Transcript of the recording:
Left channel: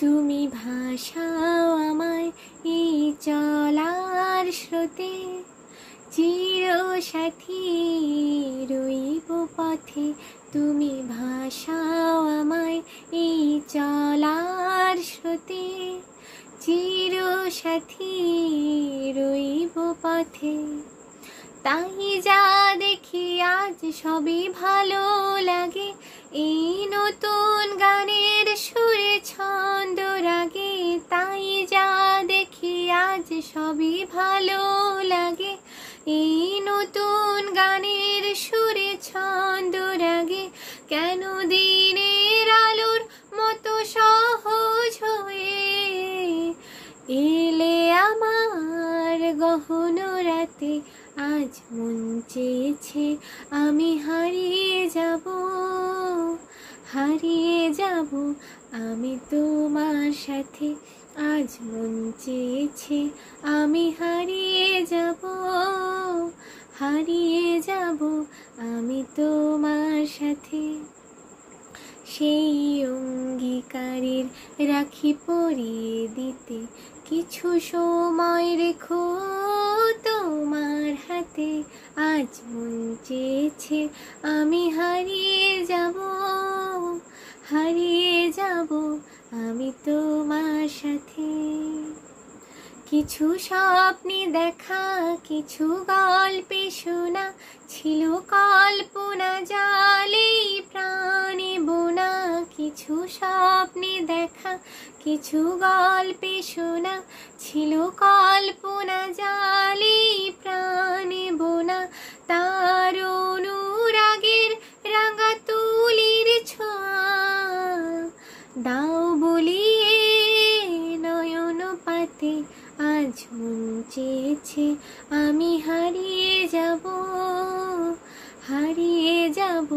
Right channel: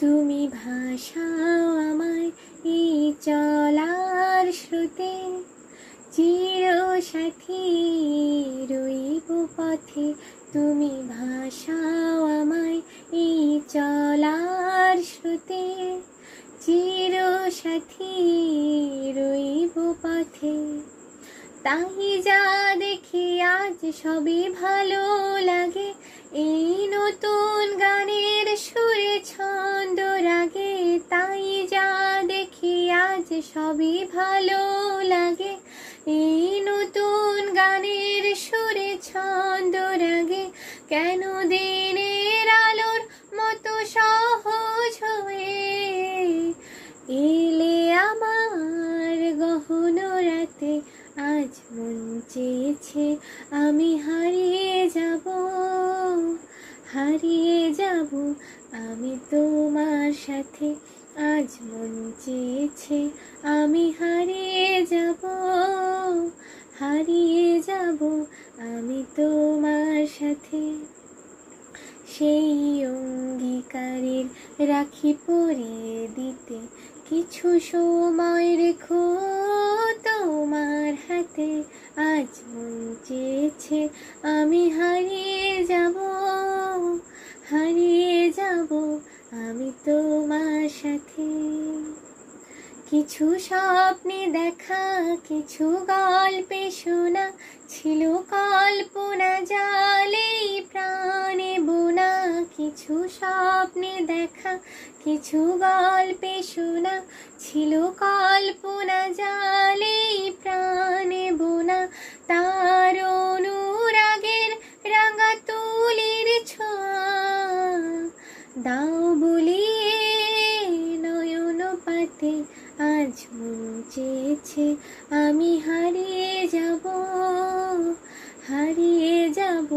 তুমি ভাসাও আমায় এই চলার স্রোতে, চিরসাথী রইব পথে। তুমি ভাসাও আমায় এই চলার স্রোতে, চিরসাথী রইব পথে। তাই যা দেখি আজ সবই ভালো লাগে, এই নতুন গানের সুরে ছন্দ রাগে। তাই যা দেখি আজ সবই ভালো লাগে, এই নতুন গানের সুরে ছন্দ রাগে। কেন দিনের আলোর মতো সহজ হয়ে এলে আমার গহন রাতে। আজ মন চেয়েছে আমি হারিয়ে যাব, হারিয়ে যাব আমি তোমার সাথে। আজ মন চেয়েছে আমি হারিয়ে যাব, হারিয়ে যাব আমি তোমার সাথে। সেই অঙ্গীকারের রাখি পরিয়ে দিতে কিছু সময় রেখো তোমার হাতে। আজ মন চেয়েছে আমি হারিয়ে যাব, হারিয়ে যাব আমি তোমার সাথে। কিছু স্বপ্নে দেখা, কিছু গল্পে শোনা, ছিল কল্পনা জালে প্রাণে বোনা। কিছু স্বপ্নে দেখা, কিছু গল্পে শোনা, ছিল কল্পনা জালে প্রাণে বোনা। তার অনুরাগের রাঙা তুলির ছোঁয়া দাও বলিয়ে নয়ন পাতে। আজ মন চেয়েছে আমি হারিয়ে যাব, হারিয়ে যাব